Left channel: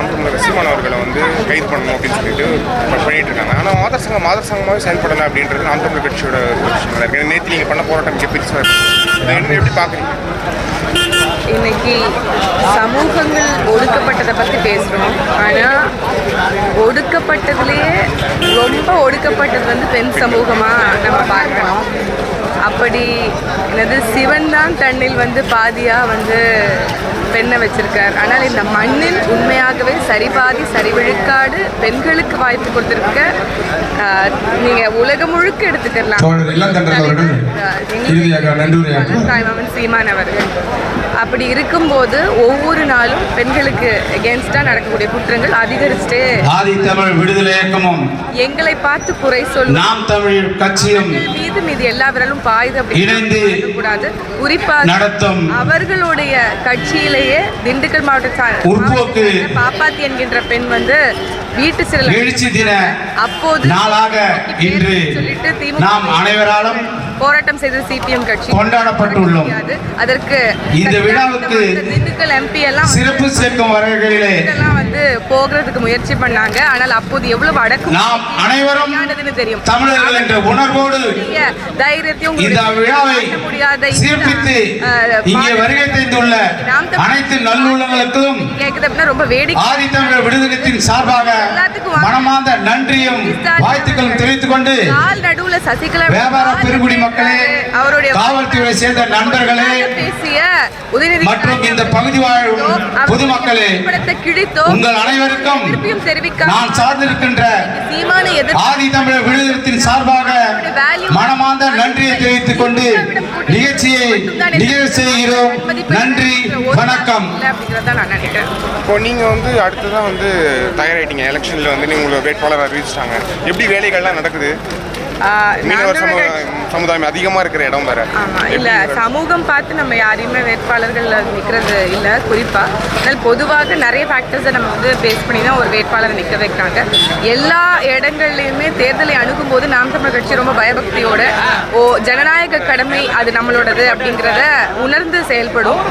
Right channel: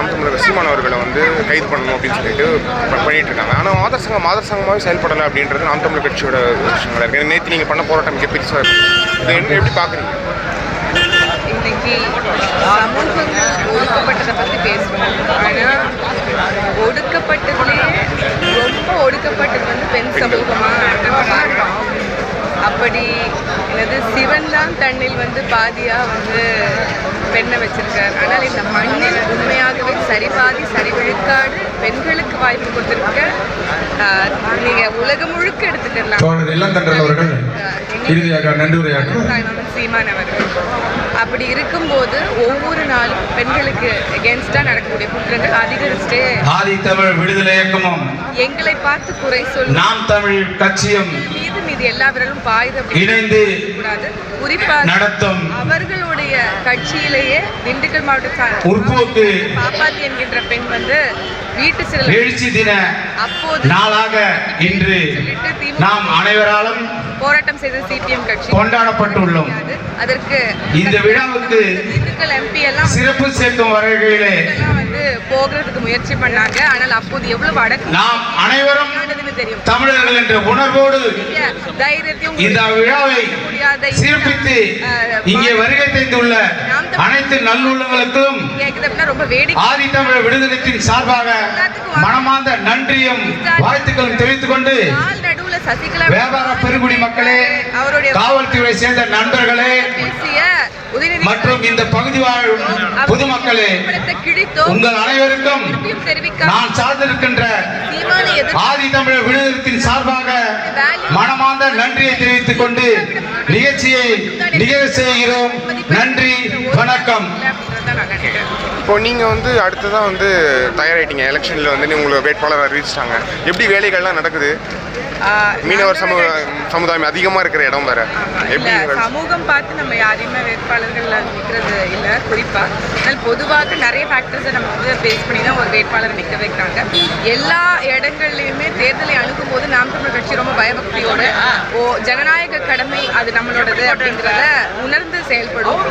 சீமான் அவர்களை வந்து கைது பண்ணணும் அப்படின்னு சொல்லிட்டு பண்ணிட்டு இருக்காங்க ஆனால் மாதர் சங்கம் மாதர் சங்கமாகவே செயல்படலை அப்படின்றது நாம் கட்சியோட ஒரு விஷயங்களா இருக்கு. நேற்று நீங்கள் பண்ண போராட்டம் மிக பெருசாக இருக்கு. இதை என்ன எப்படி பார்க்குறீங்க? இன்னைக்கு சமூகங்கள் ஒடுக்கப்பட்டதை பற்றி பேசுகிறோம் ஆனால் ஒடுக்கப்பட்டதுலேயே ரொம்ப ஒடுக்கப்பட்டது வந்து பெண் சமூகமாக நம்ம பார்க்குறோம் அப்படி என்னது சிவன் தான் தன்னில் வந்து பாதியாக வந்து பெண்ணை வச்சிருக்கார். ஆனால் இந்த மண்ணில் உண்மையாகவே சரிபாதி சரிவிழுக்காடு பெண்களுக்கு வாய்ப்பு கொடுத்துருக்க நீங்கள் உலகம் முழுக்க எடுத்துக்கலாம். சீமான் அவர்கள். அப்படி இருக்கும்போது ஒவ்வொரு பெண்களுக்கு எகேன்ஸ்டா நடக்கக்கூடிய குற்றங்கள் அதிகரிச்சுட்டே ஆதி தமிழ் விடுதலை இயக்கமும் எங்களை பார்த்து குறை சொல்லும் நாம் தமிழ் கட்சியும் மீது மீது எல்லா விரலும் பாயுது இணைந்து கூடாது குறிப்பாக நடத்தும் அவர்களுடைய கட்சியிலேயே திண்டுக்கல் மாவட்ட உற்போக்கு பாப்பாத்தி என்கின்ற பெண் வந்து வீட்டு சிறையில் எழுச்சி தின அப்போது நாளாக இன்று நாம் அனைவராலும் போராட்டம் செய்த சிபிஎம் கட்சி கொண்டாடப்பட்டுள்ளோம். அதற்கு இந்த விழாவுக்கு திண்டுக்கல் எம்பி எல்லாம் சிறப்பு சேர்க்கும் வகையிலே வந்து போகிறதுக்கு முயற்சி பண்ணாங்க. ஆனால் அப்போது எவ்வளவு அடக்கு நாம் அனைவரும் தெரியும். தமிழர்கள் என்ற உணர்வோடு தைரியத்தையும் இந்த விழாவை சிறப்பித்து இங்கே வருகை தந்துள்ள அனைத்து நல்லுள்ளங்களுக்கும் ரொம்ப வேடிக்கை. ஆதி தமிழர் விடுதலத்தின் சார்பாக நன்றியும் வாழ்த்துக்களும் தெரிவித்துக் கொண்டு வியாபார பெருங்குடி மக்களே அவருடைய காவல்துறை சேர்ந்த நண்பர்களே மற்றும் இந்த பகுதி வாழும் பொதுமக்களே உங்கள் அனைவருக்கும் நான் சார்ந்திருக்கின்ற ஆதி தமிழர் விடுதலத்தின் சார்பாக மனமார்ந்த நன்றியை தெரிவித்துக் கொண்டு நிகழ்ச்சியை நிகழ்வு செய்கிறோம். நன்றி வணக்கம். இப்போ நீங்கள் வந்து அடுத்ததான் வந்து தயாராகிட்டீங்க எலெக்ஷனில் வந்து நீங்கள் வேட்பாளர் அறிவிச்சிட்டாங்க. எப்படி வேலைகள்லாம் நடக்குது? மீனவர் சமூக சமுதாயம் அதிகமாக இருக்கிற இடம் வேற. இல்ல சமூகம் பார்த்து நம்ம யாரையுமே வேட்பாளர்கள் நிற்கிறது இல்ல குறிப்பா. ஆனால் பொதுவாக நிறைய ஃபேக்டர்ஸை நம்ம வந்து பேஸ் பண்ணி தான் ஒரு வேட்பாளரை நிற்க வைக்கிறாங்க. எல்லா இடங்கள்லையுமே தேர்தலை அணுகும் போது நாம் தமிழர் கட்சி ரொம்ப பயபக்தியோட ஓ ஜனநாயக கடமை அது நம்மளோடது அப்படிங்கிறத உணர்ந்து செயல்படும்.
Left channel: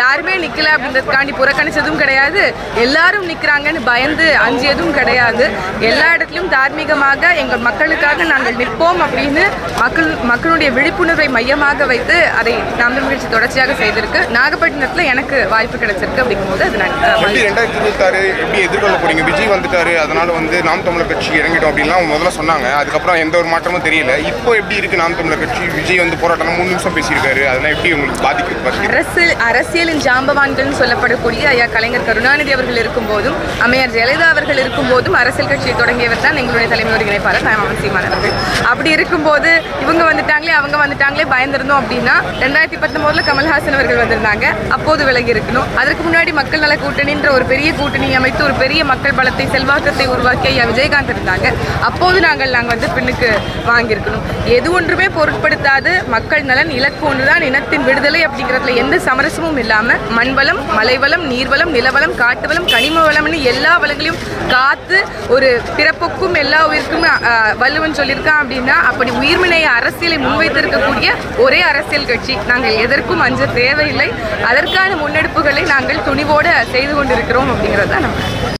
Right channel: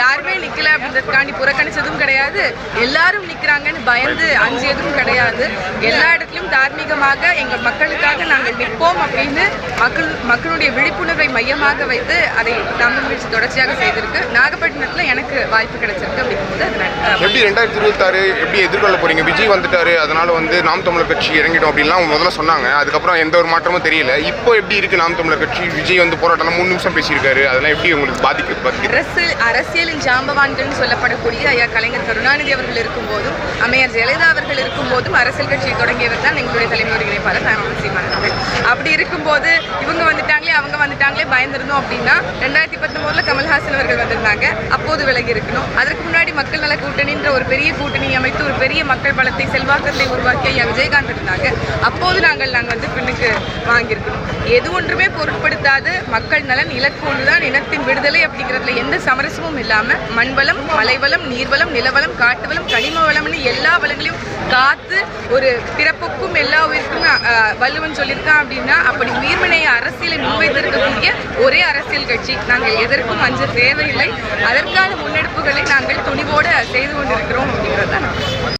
யாருமே நிக்கல அப்படின்றதுக்காண்டி புறக்கணிச்சதும் கிடையாது. எல்லாரும் நிக்கிறாங்கன்னு பயந்து அஞ்சியதும் கிடையாது. எல்லா இடத்துலையும் தார்மீகமாக எங்கள் மக்களுக்காக நாங்கள் நிற்போம் அப்படின்னு மக்கள் மக்களுடைய விழிப்புணர்வை மையமாக வைத்து அதை தமிழ் நிகழ்ச்சி தொடர்ச்சியாக செய்திருக்கு நாகப்பட்டினத்தில் எனக்கு வாய்ப்பு கிடைச்சிருக்கு அப்படிங்கும்போது அது எப்படி ரெண்டாயிரத்தி இருபத்தாறு எப்படி எதிர்கொள்ள போறீங்க? விஜய் வந்துட்டாரு அதனால வந்து நாம் தமிழர் கட்சி இறங்கிட்டோம் அப்படின்லாம் அவங்க முதல்ல சொன்னாங்க. அதுக்கப்புறம் எந்த ஒரு மாற்றம் மாற்றமும் தெரியல. இப்போ எப்படி இருக்கு நாம் தமிழர் கட்சி? விஜய் வந்து போராட்டம் மூணு நிமிஷம் பேசியிருக்காரு. அதெல்லாம் எப்படி உங்களுக்கு பாதிக்கு அரசு அரசியலின் ஜாம்பவான்கள் சொல்லப்படக்கூடிய ஐயா கலைஞர் கருணாநிதி அவர்கள் இருக்கும்போதும் அம்மையார் ஜெயலலிதா அவர்கள் இருக்கும் போதும் அரசியல் கட்சியை தொடங்கியவர் தான் எங்களுடைய தலைமை ஒருங்கிணைப்பாளர் அவசியமானவர்கள் சீமான் அவர்கள். அப்படி இருக்கும்போது இவங்க வந்துட்டாங்களே அவங்க வந்துட்டாங்களே பயந்திருந்தோம் அப்படின்னா ரெண்டாயிரத்தி பத்தொன்பதுல கமல்ஹாசன் அவர்கள் வந்திருந்தாங்க. அப்போது விலகி இருக்கணும். அதற்கு முன்னாடி மக்கள் நல கூட்டணின்ற ஒரு பெரிய கூட்டணி அமைத்து ஒரு பெரிய மக்கள் பலத்தை செல்வாக்கத்தை உருவாக்கி ஐயா விஜயகாந்த் இருந்தாங்க. அப்போது நாங்கள் நாங்கள் வந்து பின்னுக்கு வாங்கியிருக்கணும். எது ஒன்றுமே பொருட்படுத்தாது. மக்கள் நலன் இலக்கு ஒன்றுதான். இனத்தின் விடுதலை அப்படிங்கிறதுல எந்த சமரசமும் இல்லாமல் மண்வளம் மலைவளம் நீர்வளம் நிலவளம் காட்டுவளம் கனிம வளம்னு எல்லா வளங்களையும் காத்து ஒரு பிறப்புக்கும் எல்லா உயிருக்கும் அஹ், சொல்லியிருக்கான் அப்படின்னா அப்படி உயிர்வினைய அரசியலை முன்வைத்திருக்கக்கூடிய ஒரே அரசியல் கட்சி. நாங்கள் எதற்கும் அஞ்ச தேவையில்லை. அதற்கான முன்னெடுப்புகளை நாங்கள் துணிவோடு செய்து கொண்டிருக்கிறோம் அப்படிங்கிறது தான் நம்ம